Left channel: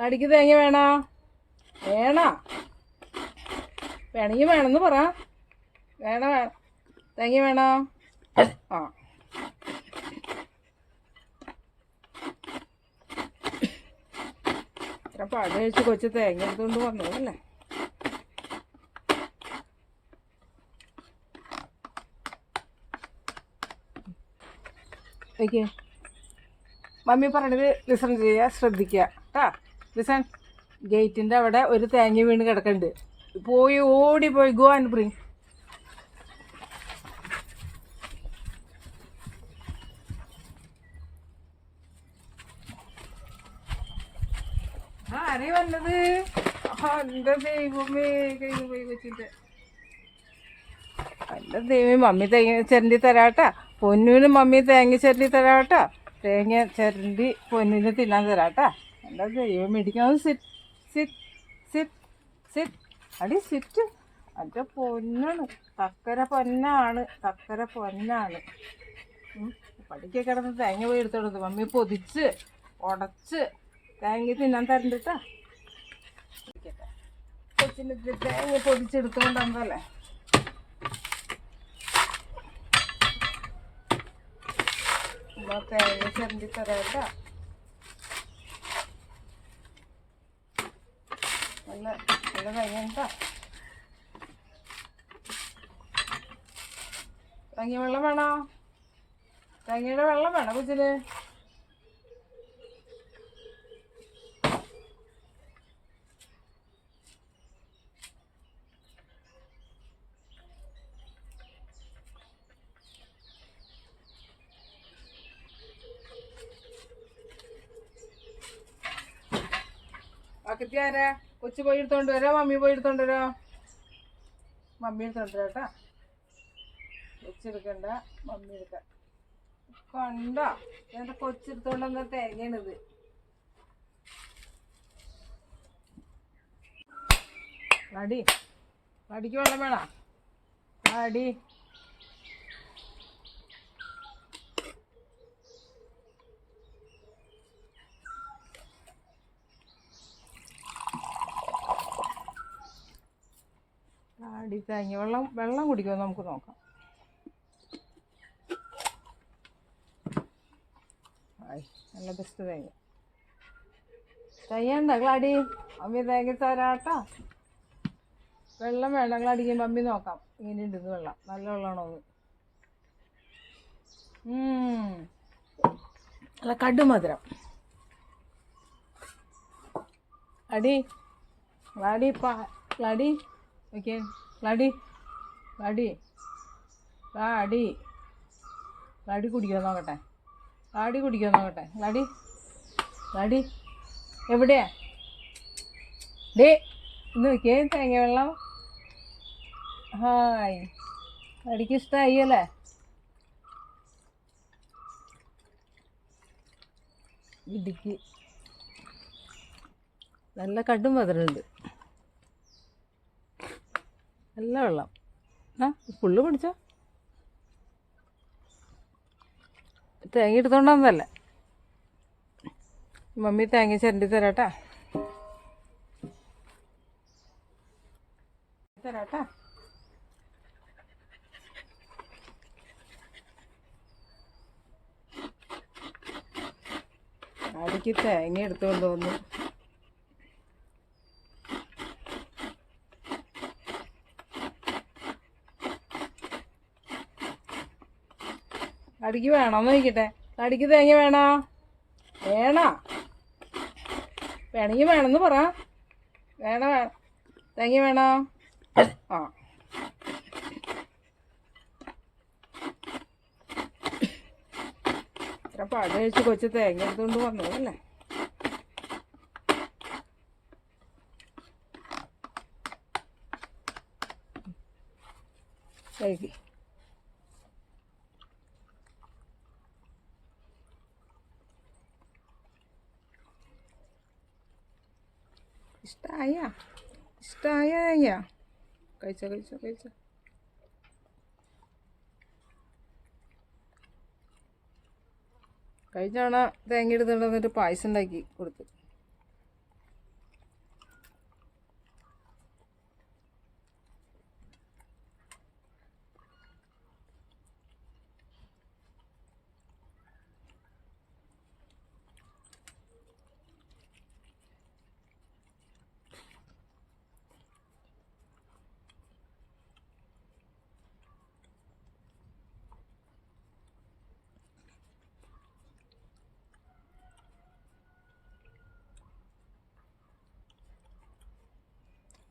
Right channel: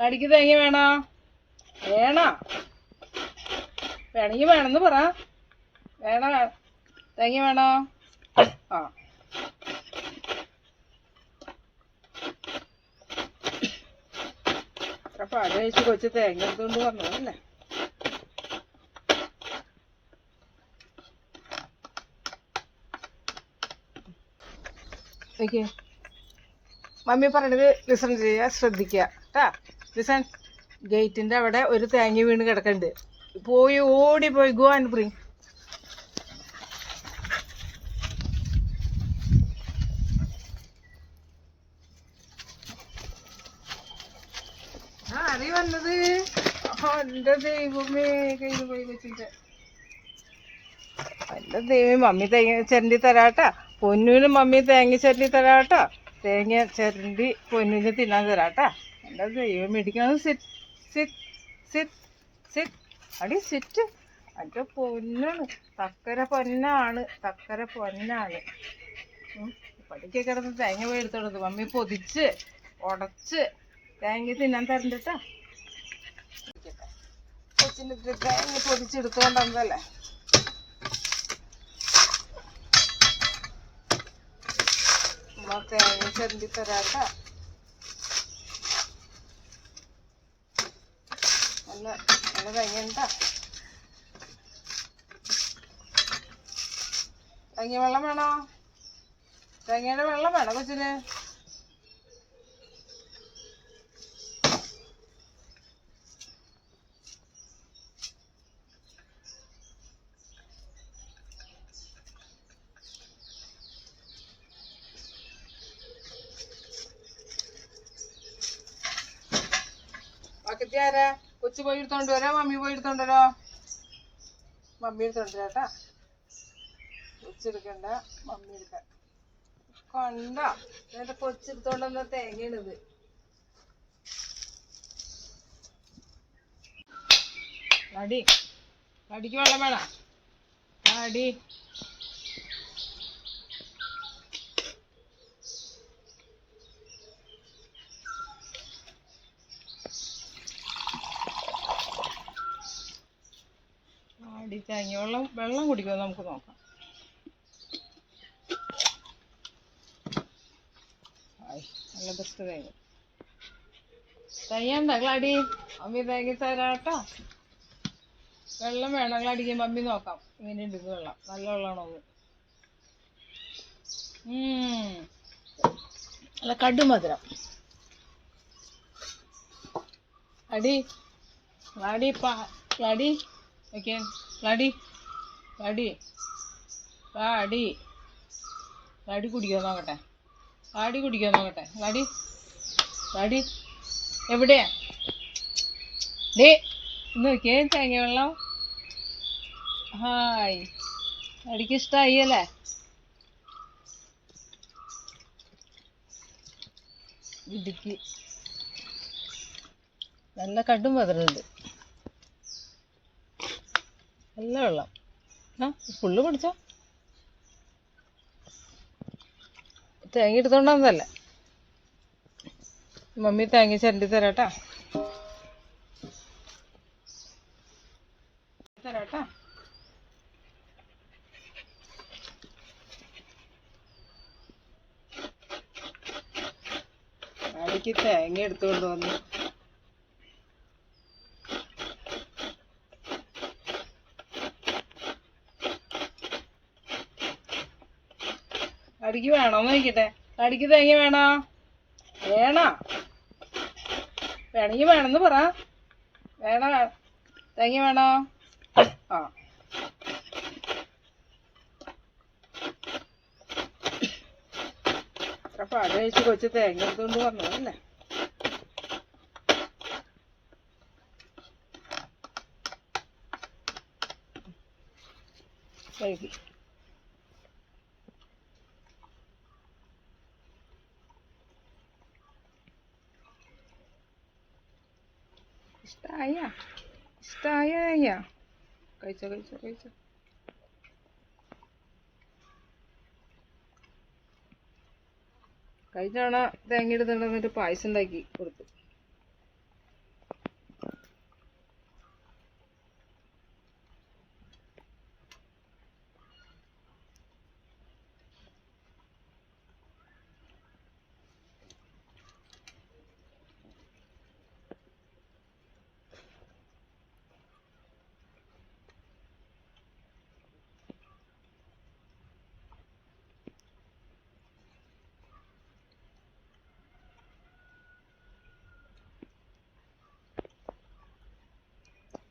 കടിക്ക് തേങ്ങ വേണോ? വേണോ? വേണമെങ്കിൽ വേണമെന്ന് പറ. വേണ? വേണം തേങ്ങ വേണോ? ആ. ഇത്ര പാട് കഴിച്ച് കൊച്ചു തേങ്ങ എടുത്തുകൊണ്ട് വന്നതല്ലേ? ഓക്കെ. മമ്മി പറഞ്ഞത് ലിസൺ ചെയ്യുക ശ്രദ്ധിക്കുക കേട്ടാ? ലിസൺ ഗേറ്റിന്റെ അവിടെ ഒരു തേങ്ങ വീണ് കിടക്കുന്നുണ്ട് പോയി ഓടി പോയി ഗോ ആൻഡ് ബ്രിങ് ആരീ വന്നത്. എന്റെ ദൈവമേ മമ്മി തേങ്ങ ചിരണ്ടി തരാട്ടാ. പൊന്നുവിന് മമ്മി തേങ്ങ ചിരണ്ടി തരാട്ടാ. തേങ്ങ ചിരണ്ടി പൊന്നിന് തിന്നാൻ തരാട്ടാ. എന്റെ ദൈവം മേടിക്കാതെ സിറ്റ് സിറ്റ് സിറ്റ് സിറ്റ് അടി സിറ്റ് അതിന്റെ പൊന്നാണ്. തക്കര പൊന്നാണ്. തക്കര പൊന്നാണ്. പടിക്ക കിടന്ന് തേങ്ങ പോയി എടുത്തോളത് മമ്മി പൊതിച്ച് ഉടച്ച് തേങ്ങ തിന്നാൻ തരണ്ടട്ടാ. കൊച്ചിന് തേങ്ങ പൊതിച്ചെടുത്തോണ്ടല്ലേ തേങ്ങ ചെറുതി തരാട്ടാ. നല്ല നല്ല തേങ്ങ തേങ്ങ വെള്ളം വേണോ? തങ്ങിയുടെ വെള്ളം വേണോ കൊച്ചിന്? ആരാ കൊച്ചു പോയി എടുത്തോണ്ട് വരാം മമ്മി പോയി എടുത്തോണ്ട് വരാം. മമ്മി എടുത്തോണ്ട് വരാട്ടാ കൊച്ചെടുക്കണ്ട മമ്മി എടുക്കാം. കണ്ട എന്റെ കൊച്ചെടുത്തോണ്ട് വന്ന തേങ്ങയാണിത്. അടി അടിക്ക് വെള്ളം വേണം. അടി തേങ്ങ വെള്ളം വെള്ളം കുടിക്കുമോ നമുക്ക് നോക്കാം. നല്ല ബെസ്റ്റ് തേങ്ങ. തയ്യണ്ട ഗ്ലാഡി? അമ്മി തേങ്ങ തരാട്ടോ. വെള്ളം വേണം. ഗ്ലാടിക്ക് അമ്മി നോക്കാം. ഇങ്ങനെ ഉണ്ട് വെള്ളം. നല്ല വെള്ളമാണോ അത് അല്ല കടുമധുരം. അടി ഗ്ലാഡി പാ ഗ്ലാഡി ഓക്കെ ഗ്ലാടി ഗ്ലാടി ഗ്ലാടി ഗ്ലാടി കുടിക്കാൻ നോക്കട്ടെ. ഗ്ലാടി കുടിക്കാൻ നോക്കട്ടെ. ഗ്ലാടി ഗ്ലാടി എവിടെയാ? ഡേ ഇന്ന് നോക്കിയേ തേങ്ങ വെള്ളം. ഹായ്. അടിക്ക് ഇഷ്ടമായി അല്ലേ? ഇടുക്കി. നല്ല കടും മധുരമുണ്ട്. നല്ല വെള്ളം. ആ ഫുള്ള് പിടിച്ചോ തേങ്ങ എടുത്തോണ്ടല്ല മമ്മി തേങ്ങ ചരണ്ടി തരാട്ടാ. തരാട്ടാ. അടിക്ക് തേങ്ങ എടുത്തുകൊണ്ട് വന്നു? കടിക്ക് വേണോന്ന് ചോദിക്കട്ടെ കടിക്ക് തേങ്ങ വേണോ? വേണോ? വേണമെങ്കിൽ വേണമെന്ന് പറ. വേണ? വേണം തേങ്ങ വേണോ? ആ. ഇത്ര പാട് കഴിച്ച് കൊച്ചു തേങ്ങ എടുത്തുകൊണ്ട് വന്നതല്ലേ Thank ഇഷ്ടായ കഴിച്ചോ കഴിച്ചോ കഴിച്ചോ. കഴിഞ്ഞ തവണ തേങ്ങ എടുത്തുകൊണ്ട് വന്നിട്ട് പായസം ഉണ്ടാക്കി കൊടുത്തു.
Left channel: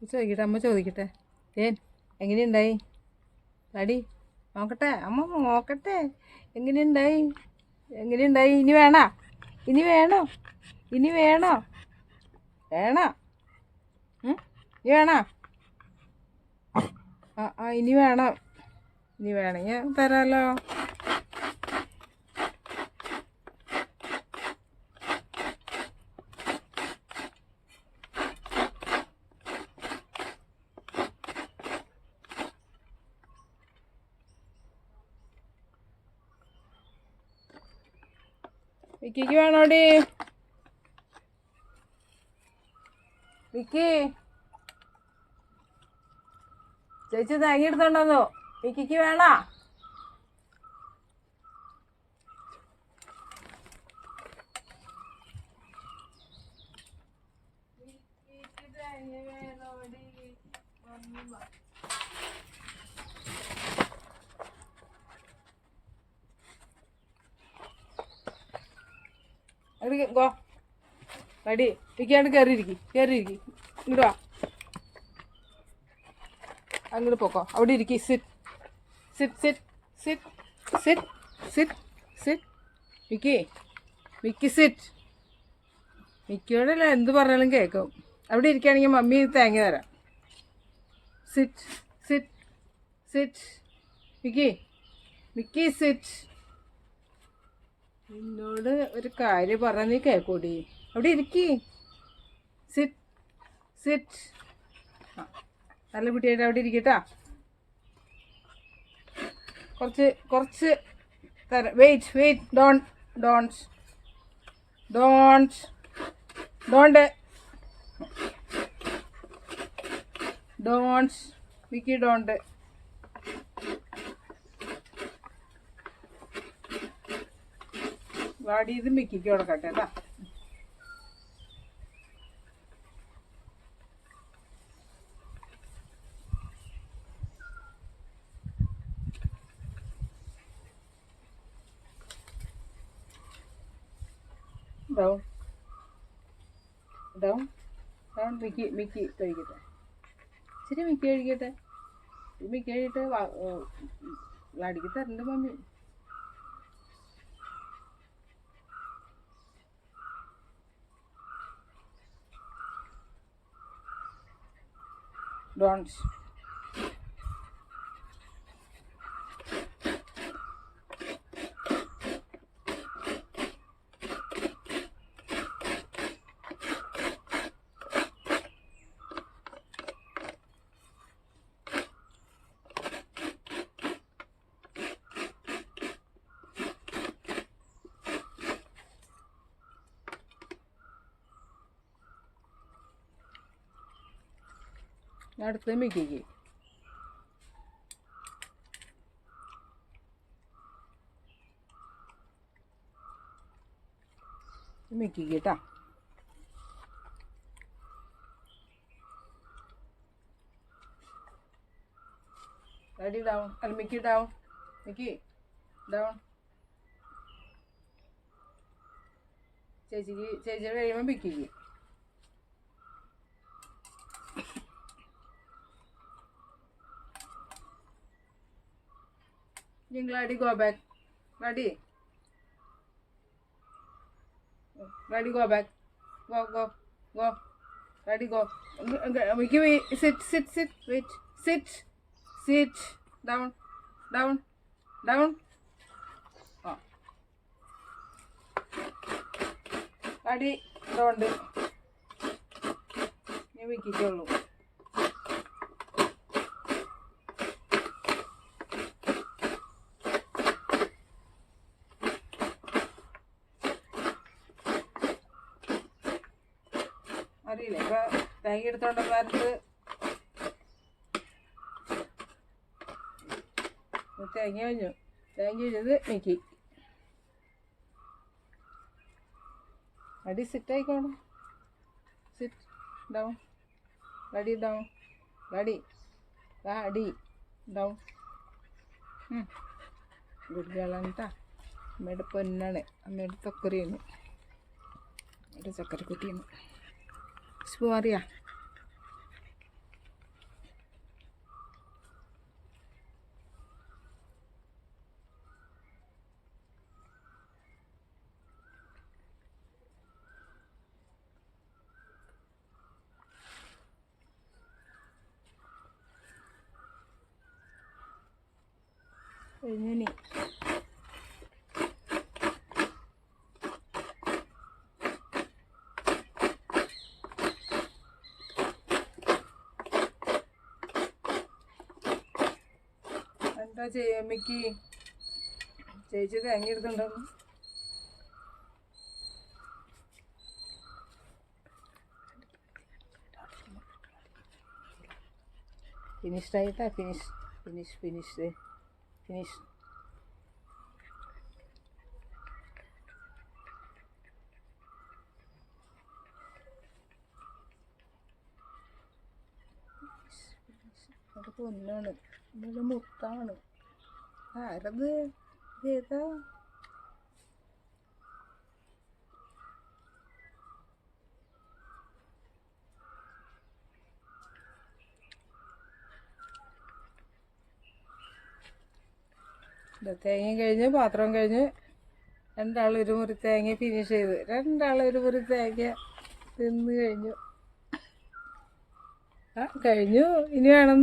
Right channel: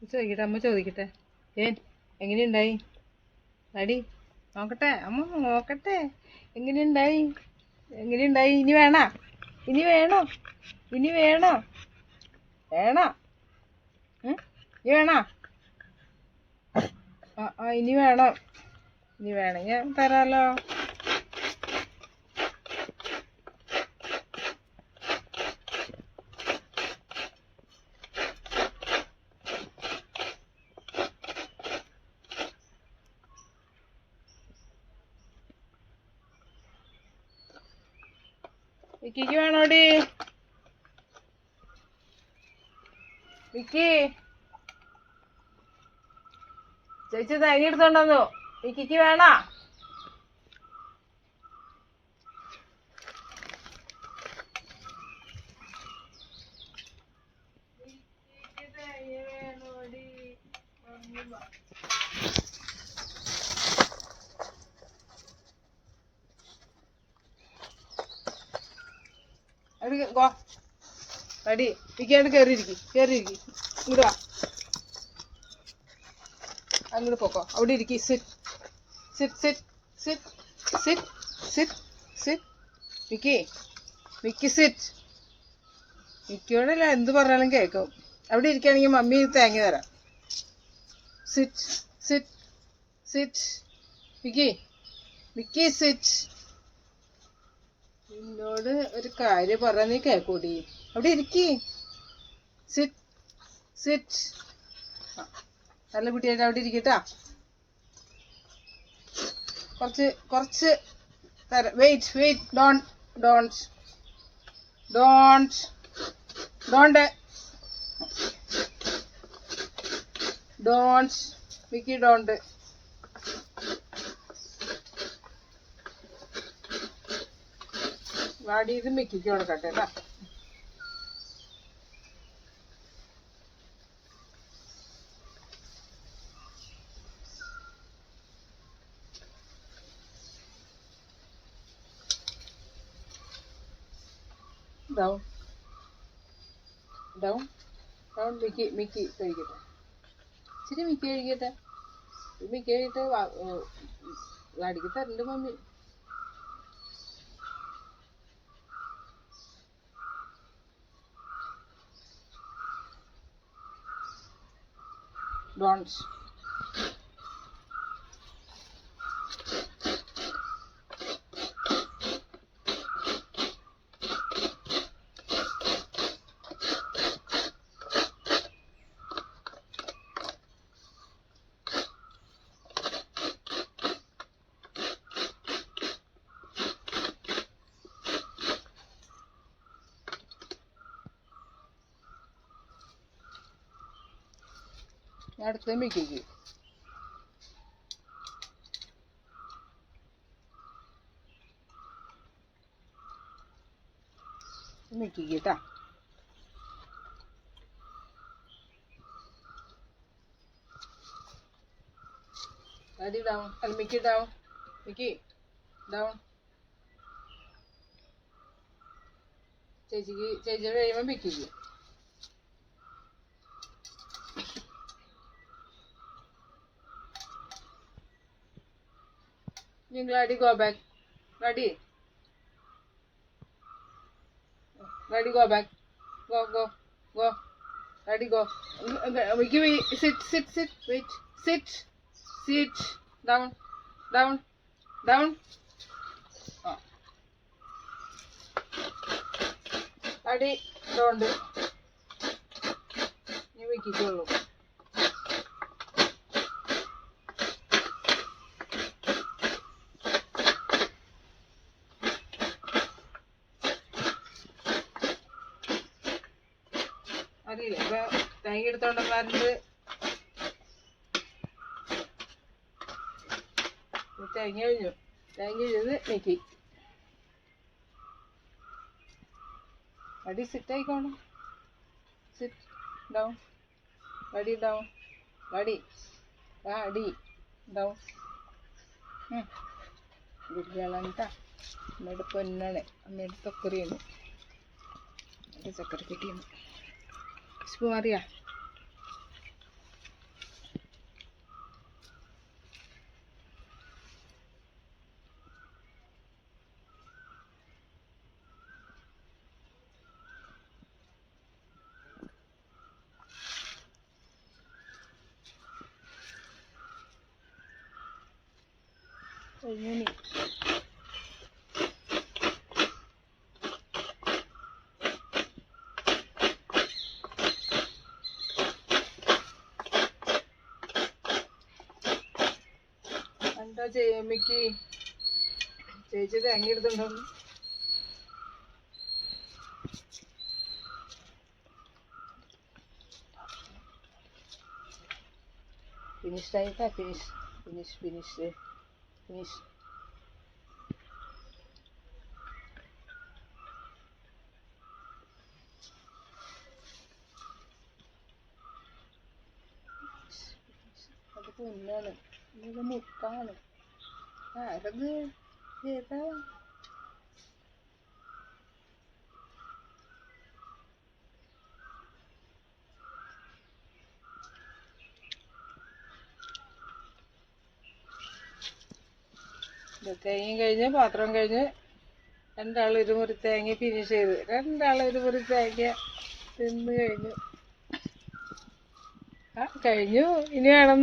ചോദിക്കട്ടെ അമ്മ ചോദിക്കട്ടെ. ഏൻ എങ്ങനെയുണ്ടായി? ഡാഡി നോക്കട്ടെ അമ്മ നോക്കട്ടെ. എങ്ങനെയുണ്ടായി? എങ്ങനെയുണ്ടായി? ഇനി വേണോ? ഇനി വേണോ? ഇനി വേണോ? വേണോ? ഇനി വേണോ? ആ ഇനി വേണം? ഇനി വേണമെങ്കിൽ തരാമല്ലോ വിക്കിക്ക് വേണോടി വിക്കി. ചേച്ചി തേങ്ങ എടുത്തോണ്ടോ വിക്കിക്ക് വേണ? അത് ഗോ അടി വിക്കാണ്ട് കയറിയിരിക്കും കയറിയിരിക്കും ഇങ്ങോട്ട് വാ. അങ്ങോട്ട് പോക്കോ. അവിടെ ഇരിക്കും. Sit sit sit sit sit sit sit Mickey Mickey sit മിക്കിയോടല്ല എന്ത് പറഞ്ഞാലും കേൾക്കും. അവിടെ ഇരിക്കുകയാണെങ്കിൽ മമ്മി തേങ്ങ തരാം. Sit sit sit Mickey Mickey sit എന്നോട് ഒരു കാര്യം പറഞ്ഞാൽ നീ കേൾക്കൂടി അവിടെ ഇരിക്കി. സിറ്റ് സിറ്റ് നല്ല കുട്ടിയായിട്ട് അവിടെ ഇരിക്കട്ടാ കുറച്ച് കുറച്ച് തരാം wait wait don't don't don't don't don't Mickey don't വാടി ഇത് മിക്കിക്ക് കൊടുക്കട്ടെ കേട്ടോ. Down down down Mickey Mickey കഴിക്കട്ടെ. ഇച്ചിരി മിക്കി കഴിക്കട്ടെ. മിക്കി കഴിക്കട്ടെ വാടിക്ക് തരണ്ട് മമ്മി. bronze. അടുത്ത മിക്കിക്ക് മിക്കിക്ക് കേട്ടാ ഡാഡി ഡൗൺ മിക്കി ചേച്ചിക്ക് ചേച്ചിയുടെ കഴിയുമ്പോൾ മിക്കിക്ക് You Gladdy go back. Gladdy. Gladdy go back. Go, go, go. Gladdy go. Give me sit, sit, sit. Wait. Sit. Sit. Down. Down. Down. Oh. Gladdy. Don't. നീ വിക്കിക്കുള്ളൂ അറിയില്ല അപ്പൊ തേങ്ങ എടുത്തോണ്ട് കാലത്ത് തേങ്ങ കഴിഞ്ഞു തേങ്ങ ഇരുന്ന് നീക്കി അടി സിറ്റ് ആയിക്കോണം. സിറ്റ് ഡൗൺ വടി ഡൗൺ വടി വാടി ഡൗൺ ഗുഡ് ഗേളാണ് കേട്ടോ അമ്മയുടെ പൊന്നാണ്. അമ്മയുടെ തൊക്കറിയാണ് അമ്മയുടെ ചക്കരക്കുട്ടിയാണ്. explore ya? Ini nih. എന്താ മിക്കി ചേച്ചി തേങ്ങ എടുത്തുണ്ടോ ഫിനിഷ് ആയിട്ടാ ഫിനിഷ് ഫിനിഷ് ഫിനിഷ് ഫിനിഷ് അത് ഒന്നാണ്. നല്ല മുത്താണ്. ആരത് ഏതാ തേങ്ങയും കഴിഞ്ഞ് പാത്രം കഴിഞ്ഞ് രണ്ടാൾ ഒരു മുറി തേങ്ങ ഫിനിഷ് ചെയ്ത്. രണ്ടാൾ ഒരു മുറി തേങ്ങ തിന്ന് കഴിഞ്ഞു. ആ കഴിഞ്ഞു. ഇനി വേണം